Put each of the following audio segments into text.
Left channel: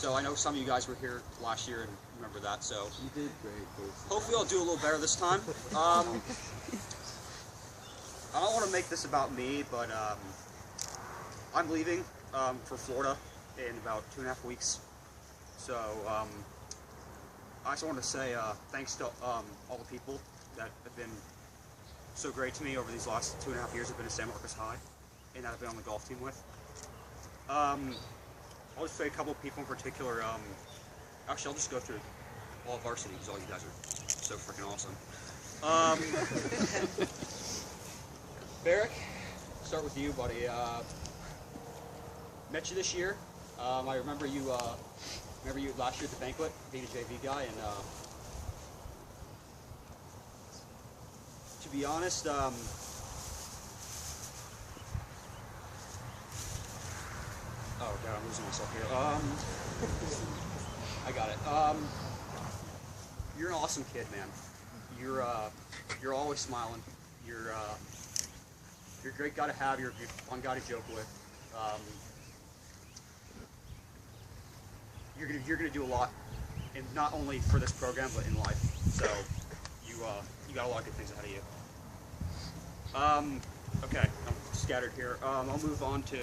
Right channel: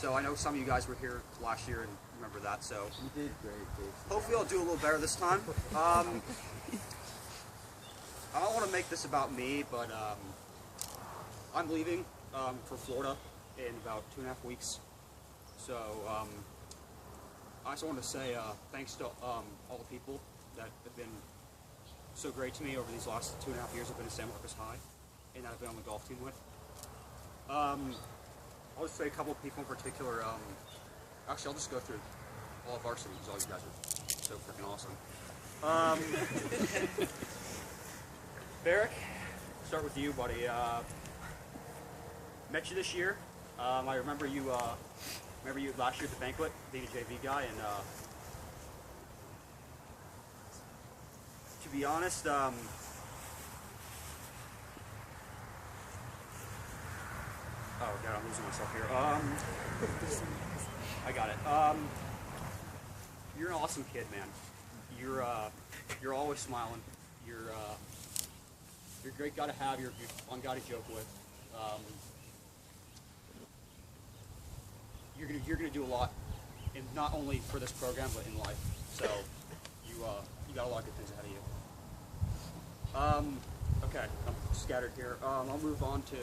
So I know some of you guys were here last year and remember that. So you did great. Hopefully I'll do a little better this time. I don't want to make this about me, but I'm leaving for Florida in about 2.5 weeks. So I just want to say thanks to all the people that have been so great to me over these last 2.5 years I've been at San Marcos High and that I've been on the golf team with. I'll just say a couple of people in particular. Actually, I'll just go through all of varsity because all you guys are so freaking awesome. Barrick, start with you, buddy. Met you this year. I remember you last year at the Banquet, being a JV guy, and to be honest, oh god, I'm losing myself here. I got it. You're an awesome kid, man. You're always smiling. You're a great guy to have. You're a fun guy to joke with. You're gonna do a lot, and not only for this program but in life. So you got a lot of good things ahead of you. Okay, I'm scattered here. I'll move on to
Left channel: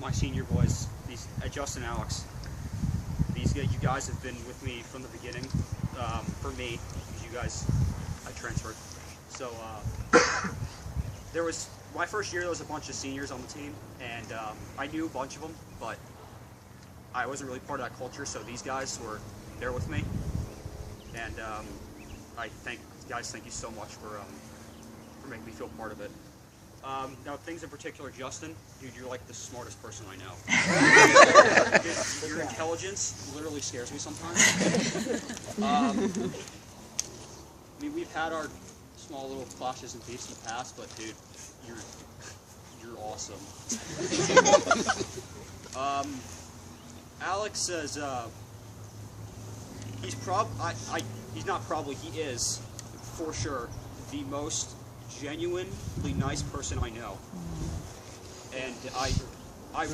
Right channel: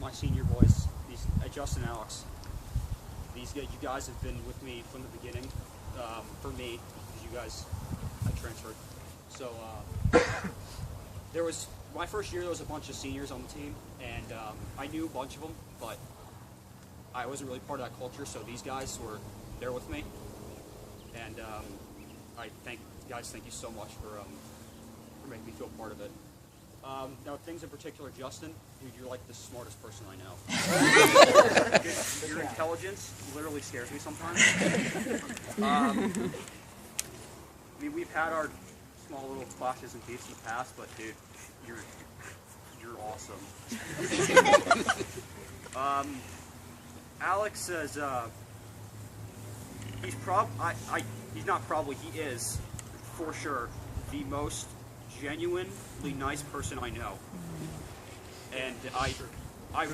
my senior boys. These Justin and Alex. You guys have been with me from the beginning. For me, because you guys, I transferred. So there was my first year. There was a bunch of seniors on the team, and I knew a bunch of them, but I wasn't really part of that culture. So these guys were there with me, and thank you so much for making me feel part of it. Now, things in particular, Justin, dude, you're like the smartest person I know. Your intelligence literally scares me sometimes. I mean, we've had our small little clashes and beefs in the past, but dude, you're awesome. Alex says he is for sure the most genuinely nice person I know, and I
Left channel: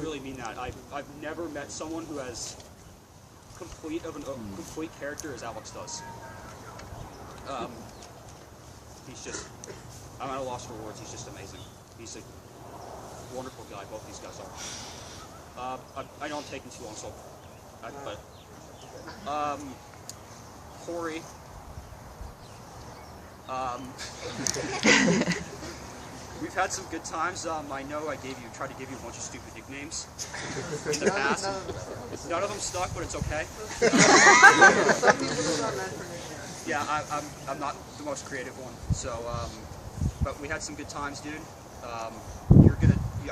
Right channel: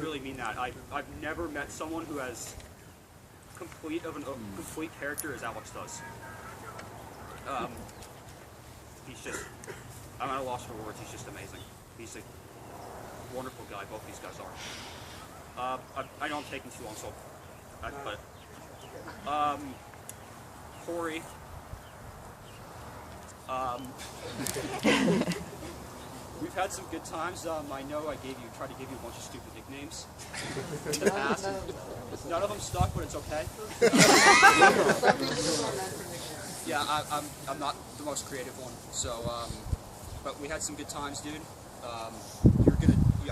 really mean that. I've never met someone who has complete character as Alex does. He's just, I'm at a loss for words. He's just amazing. He's a wonderful guy. Both these guys are. I know I'm taking too long, so but Corey. We've had some good times. I know I tried to give you a bunch of stupid nicknames in the past. None of them stuck, but it's okay. Some people just aren't meant for nicknames. Yeah, I'm not the most creative one. So, but we had some good times, dude. I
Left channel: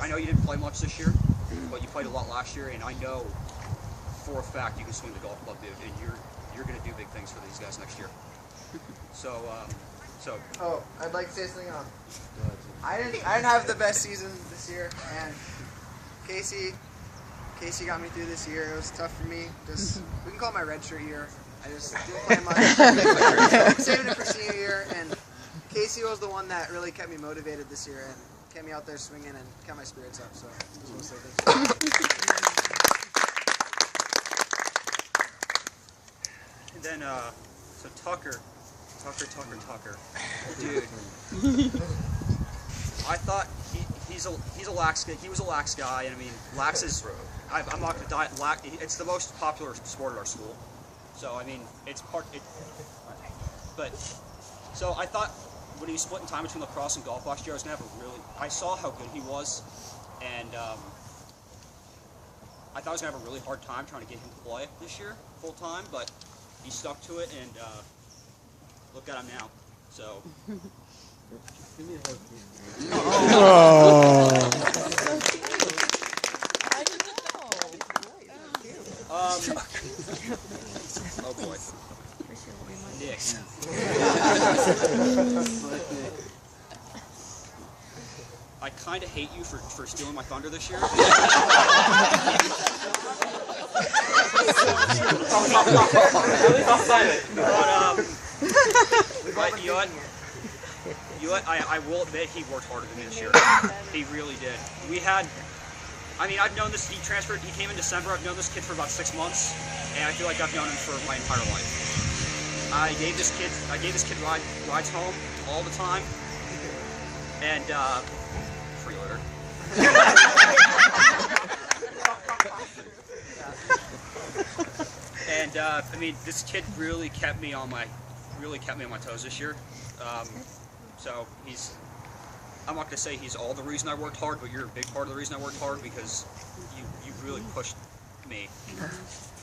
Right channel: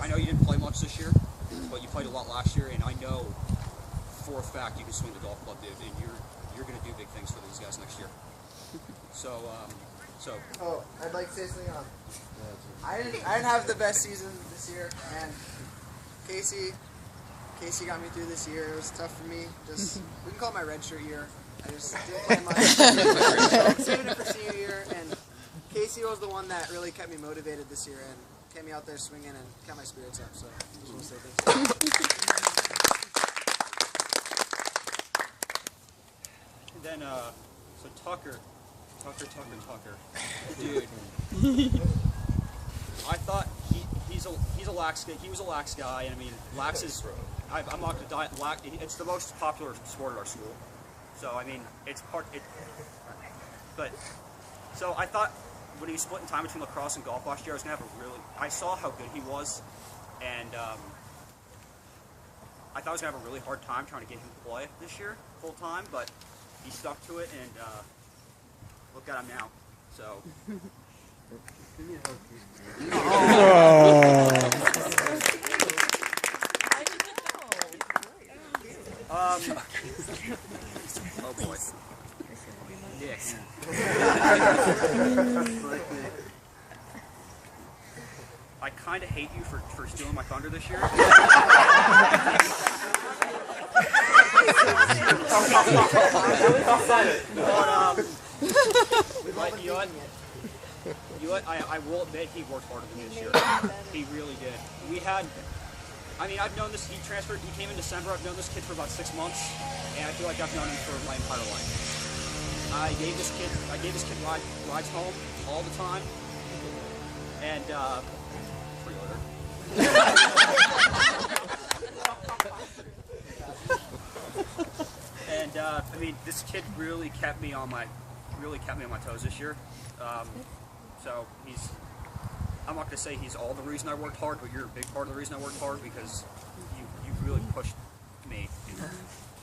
know you didn't play much this year, but you played a lot last year, and I know for a fact you can swing the golf club, dude, and you're gonna do big things for these guys next year. So. Oh, I'd like to say something else. I didn't have the best season this year, and Casey got me through this year. It was tough for me. We can call it my redshirt year. I just didn't play much. Saving it for senior year, and Casey was the one that really kept me motivated this year and kept me out there swinging and kept my spirits up. So I just want to say thanks. And then so Tucker. Dude. I thought he's a lax guy. He was a lax guy, and I mean, lax is, I'm not gonna die. It's the most popular sport at our school. So I mean, but so I thought when he was splitting time between lacrosse and golf last year, I was gonna have I saw how good he was, and I thought I was gonna have a really hard time trying to get him to play this year full time, but he stuck to it, and look at him now. So. Oh boy. Nick. I kind of hate you for stealing my thunder this year. At least I said it. But you know what? I will admit he worked harder than me this year. He really did. We had I mean, I've known this. He transferred. He came in December. I've known this kid for about 6 months, and I feel like I've known him for my entire life. I gave this kid rides home all the time, and freeloader. And I mean, this kid really kept me on my toes this year. So I'm not gonna say he's all the reason I worked hard, but you're a big part of the reason I worked hard because you really pushed me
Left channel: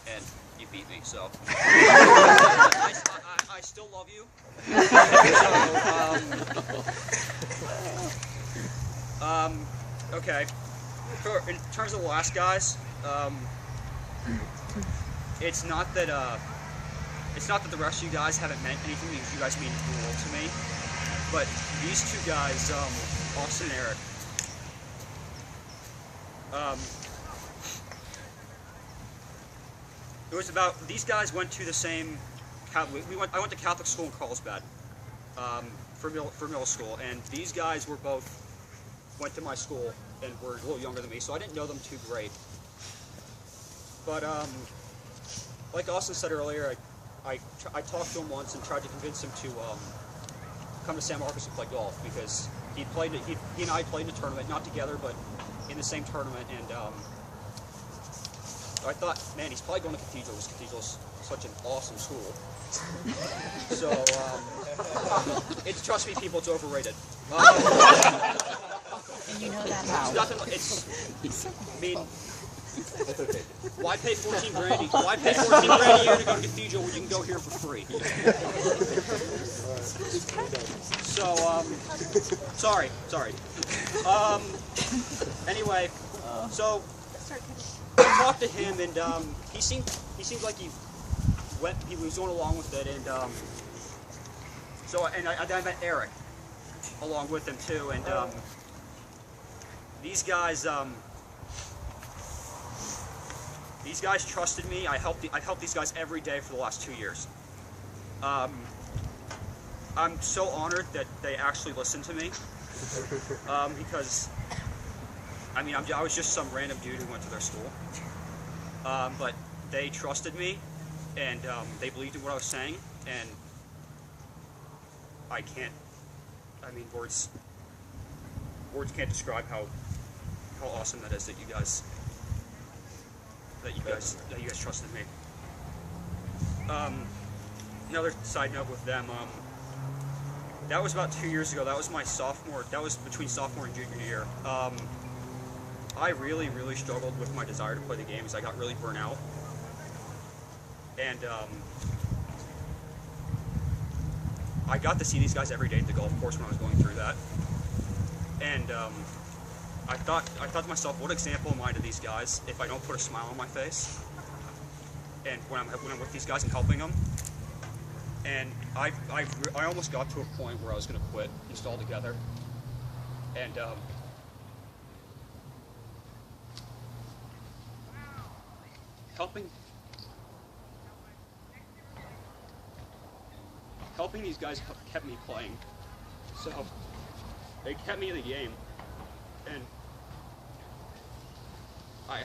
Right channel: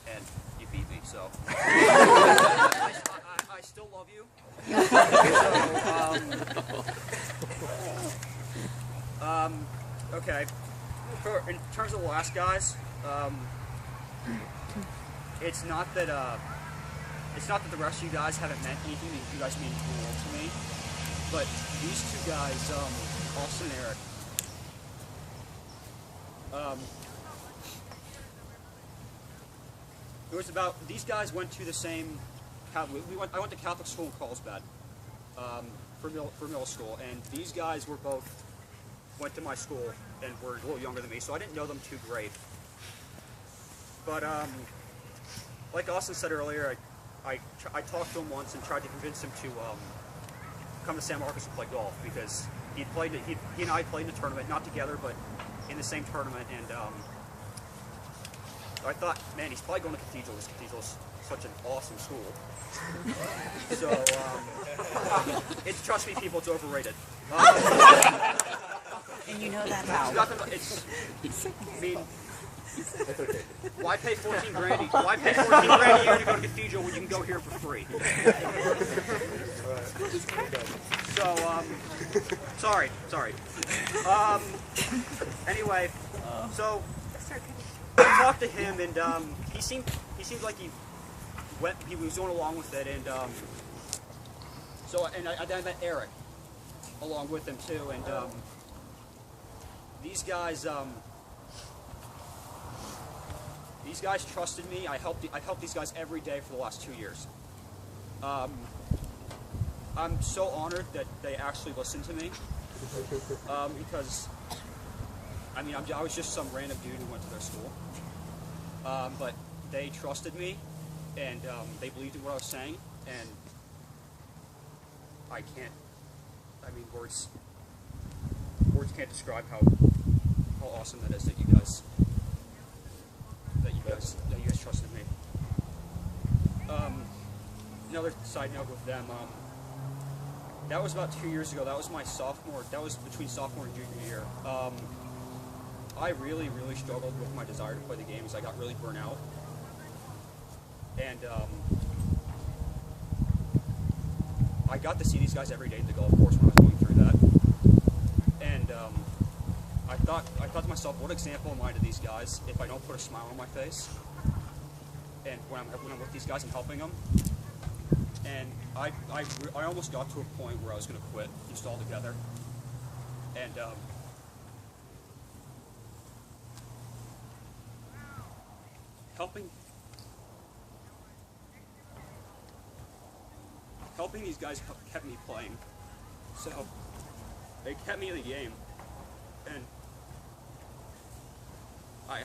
and you beat me. So I still love you. So okay. In terms of the last guys, it's not that the rest of you guys haven't meant anything because you guys mean the world to me. But these two guys, Austin and Eric, it was about, these guys went to the same, I went to Catholic school in Carlsbad for middle school, and these guys went to my school and were a little younger than me, so I didn't know them too great. But like Austin said earlier, I talked to him once and tried to convince him to come to San Marcos and play golf because he and I played in a tournament, not together, but in the same tournament, and I thought, man, he's probably going to Cathedral because Cathedral's such an awesome school. So, trust me, people, it's overrated. And you know that now. I mean, why pay 14 grand? Why pay 14 grand a year to go to Cathedral when you can go here for free? So, sorry. Anyway, so I talked to him, and he seemed like he was going along with it, and I met Eric along with him too, and these guys trusted me. I've helped these guys every day for the last 2 years. I'm so honored that they actually listened to me, because I mean, I was just some random dude who went to their school, but they trusted me, and they believed in what I was saying, and words can't describe how awesome that is that you guys trusted me. Another side note with them, that was about 2 years ago. That was between sophomore and junior year. I really struggled with my desire to play the game because I got really burnt out. And I got to see these guys every day at the golf course when I was going through that. And I thought to myself, what example am I to these guys if I don't put a smile on my face? And when I'm with these guys and helping them, and I almost got to a point where I was going to quit just altogether. And helping these guys kept me playing, so they kept me in the game, and I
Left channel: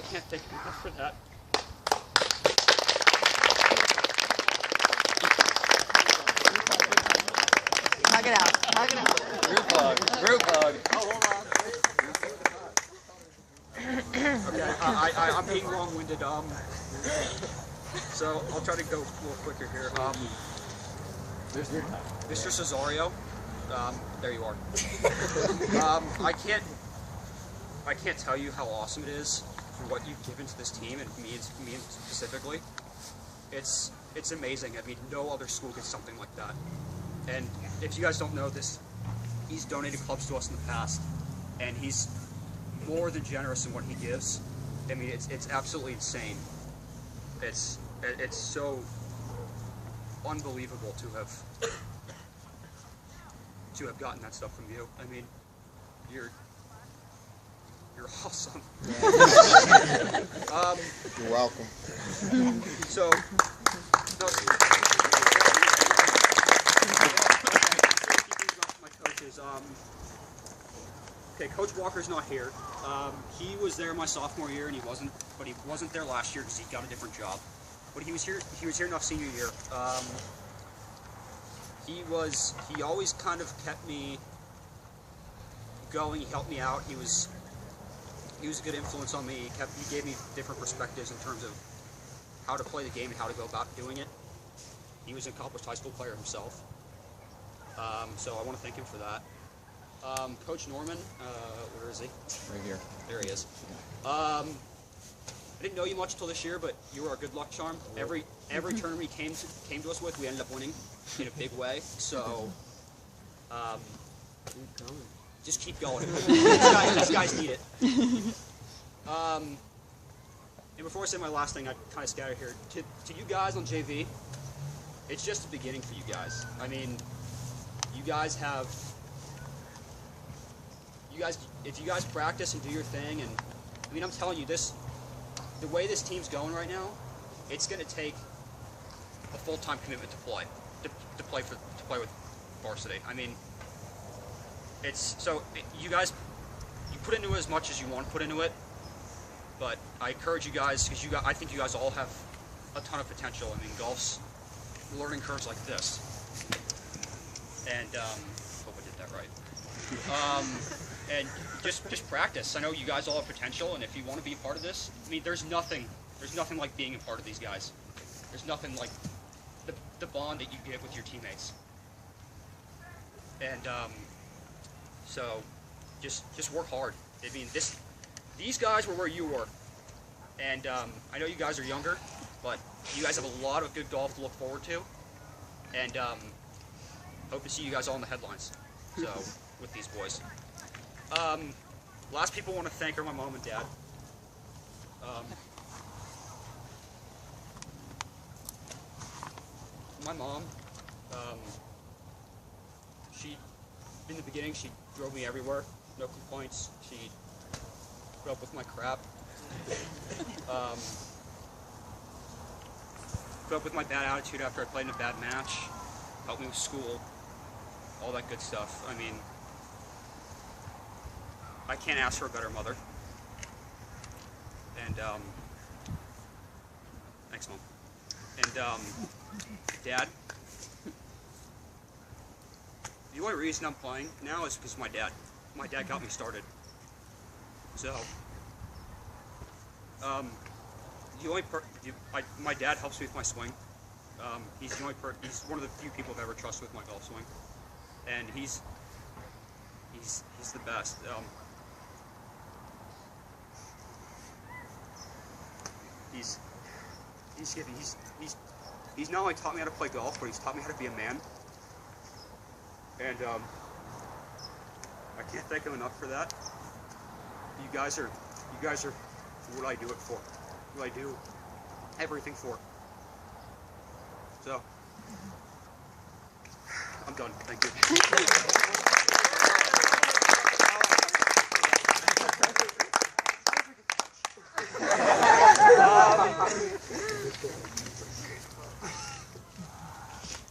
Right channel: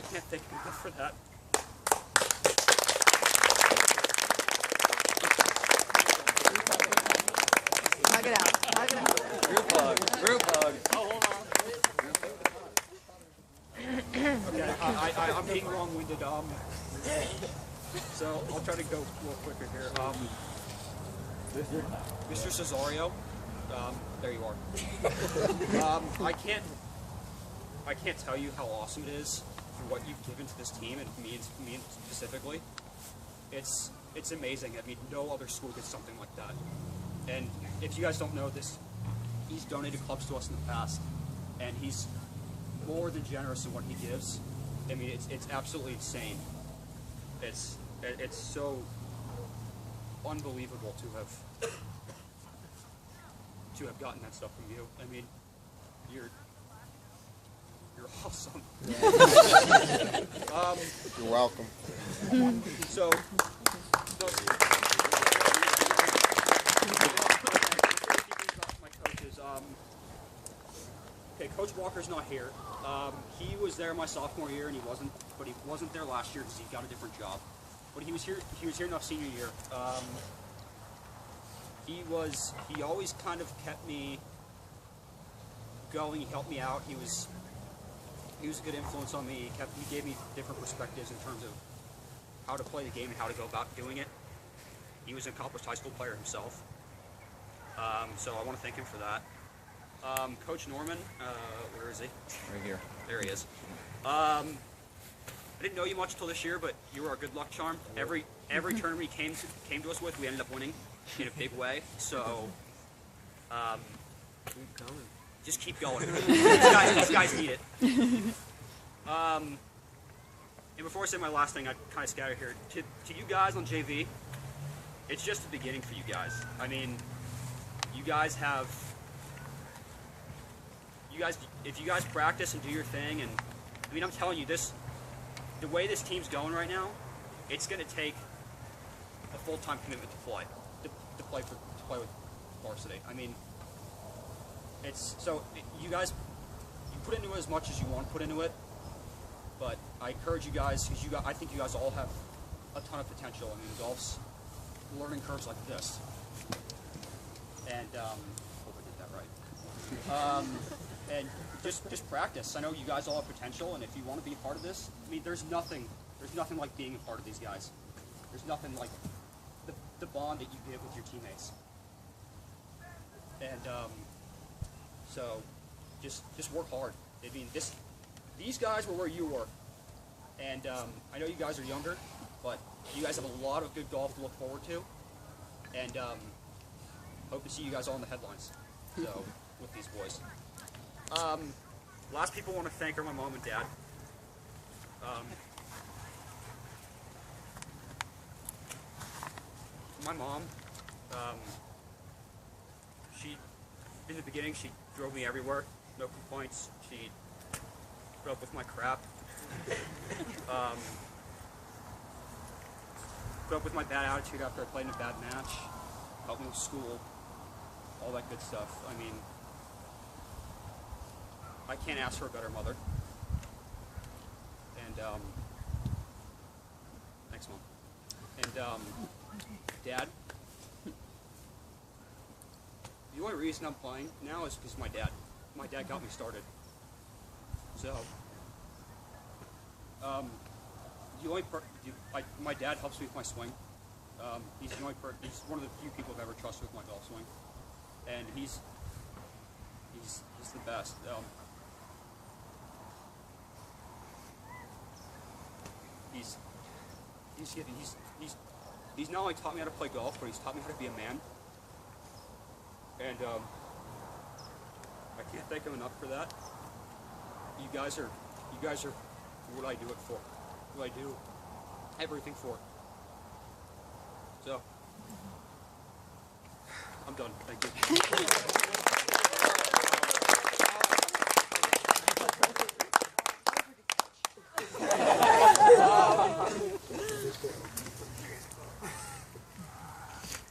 can't thank them enough for that. Knock it out. Group hug. Okay, I'm being long-winded, so I'll try to go a little quicker here. Mr. Cesario, there you are. I can't tell you how awesome it is for what you've given to this team, and me specifically. It's amazing. I mean, no other school gets something like that. And if you guys don't know this, he's donated clubs to us in the past, and he's more than generous in what he gives. I mean, it's absolutely insane. It's so unbelievable to have gotten that stuff from you. I mean, you're awesome. You're welcome. So, no, my coaches, Coach Walker's not here. He was there my sophomore year, and he wasn't there last year because he got a different job. But he was here. He was here enough senior year. He always kind of kept me going. He helped me out. He was a good influence on me. He gave me different perspectives in terms of how to play the game and how to go about doing it. He was an accomplished high school player himself. So I want to thank him for that. Coach Norman, where is he? Right here. There he is. I didn't know you much until this year, but you were our good luck charm. Every tournament he came to us with, we ended up winning in a big way. So Keep coming. just keep going. These guys need it. And before I say my last thing, I kind of scatter here. To you guys on JV, it's just the beginning for you guys. I mean, you guys have. If you guys practice and do your thing, and I mean, I'm telling you, the way this team's going right now, it's going to take a full-time commitment to play with varsity. I mean, you guys, you put into it as much as you want to put into it, but I encourage you guys because I think you guys all have a ton of potential. I mean, golf's learning curves like this, and hope I did that right. And just practice. I know you guys all have potential, and if you want to be a part of this, I mean, there's nothing like being a part of these guys. There's nothing like the bond that you get with your teammates. And so, just work hard. I mean, these guys were where you were, and I know you guys are younger, but you guys have a lot of good golf to look forward to, and hope to see you guys all in the headlines. So, with these boys. Last people I want to thank are my mom and dad. My mom, in the beginning, she drove me everywhere, no complaints. She put up with my crap. Put up with my bad attitude after I played in a bad match, helped me with school, all that good stuff. I mean, I can't ask for a better mother. And, thanks, Mom. And, Dad, the only reason I'm playing now is because of my dad. My dad got me started. So, my dad helps me with my swing. He's one of the few people I've ever trusted with my golf swing. And he's the best. He's not only taught me how to play golf, but he's taught me how to be a man. And I can't thank him enough for that. You guys are what I do it for. Who I do everything for. So I'm done. Thank you.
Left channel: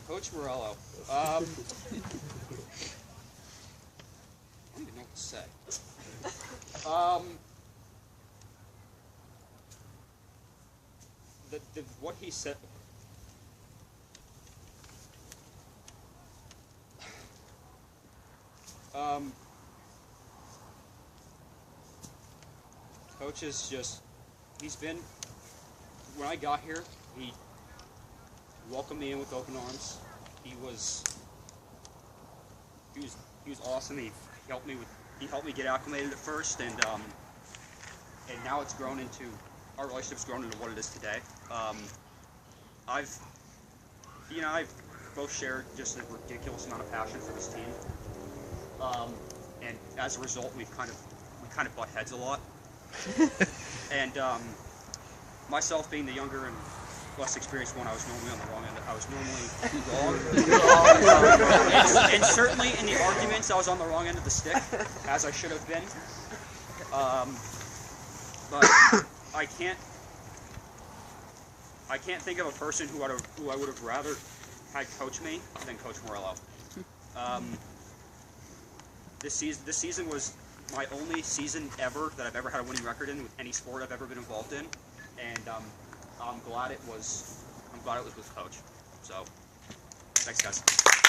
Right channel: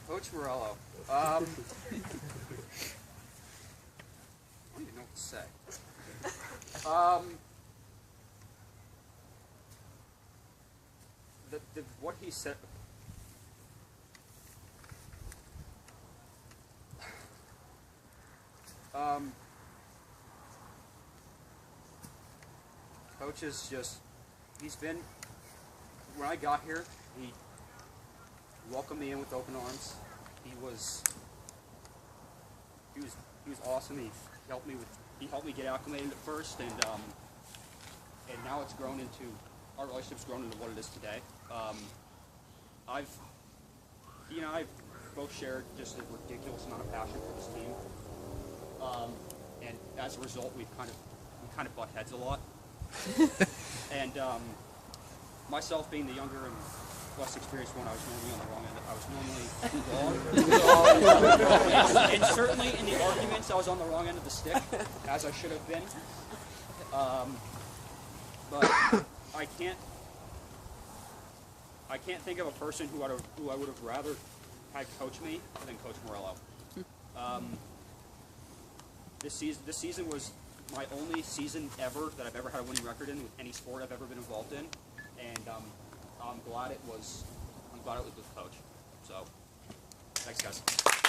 Coach Morello. I don't even know what to say. What he said. Coach is just, when I got here, he welcomed me in with open arms. He was awesome. He helped me get acclimated at first, and now it's grown into, our relationship's grown into what it is today. I've both shared just a ridiculous amount of passion for this team, and as a result, we kind of butt heads a lot. And myself being the younger and less experienced one, I was normally on the wrong end. I was normally wrong. And certainly in the arguments, I was on the wrong end of the stick, as I should have been. But I can't think of a person who I would have rather had coach me than Coach Morello. This season was my only season ever that I've ever had a winning record in with any sport I've ever been involved in, and I'm glad it was with Coach. So, thanks guys.